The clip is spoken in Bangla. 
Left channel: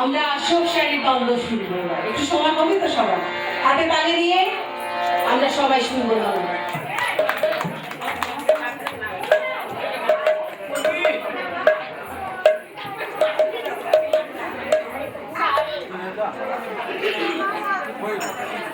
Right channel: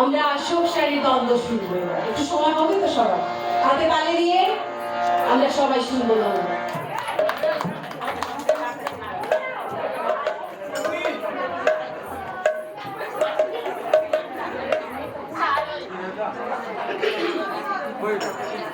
আমরা আসল শাড়ির দ্বন্দ্ব শুনবো। একটু সময় হবে তো সবার হাতে তালে দিয়ে আমরা সবাই শুনবো দ্বন্দ্ব।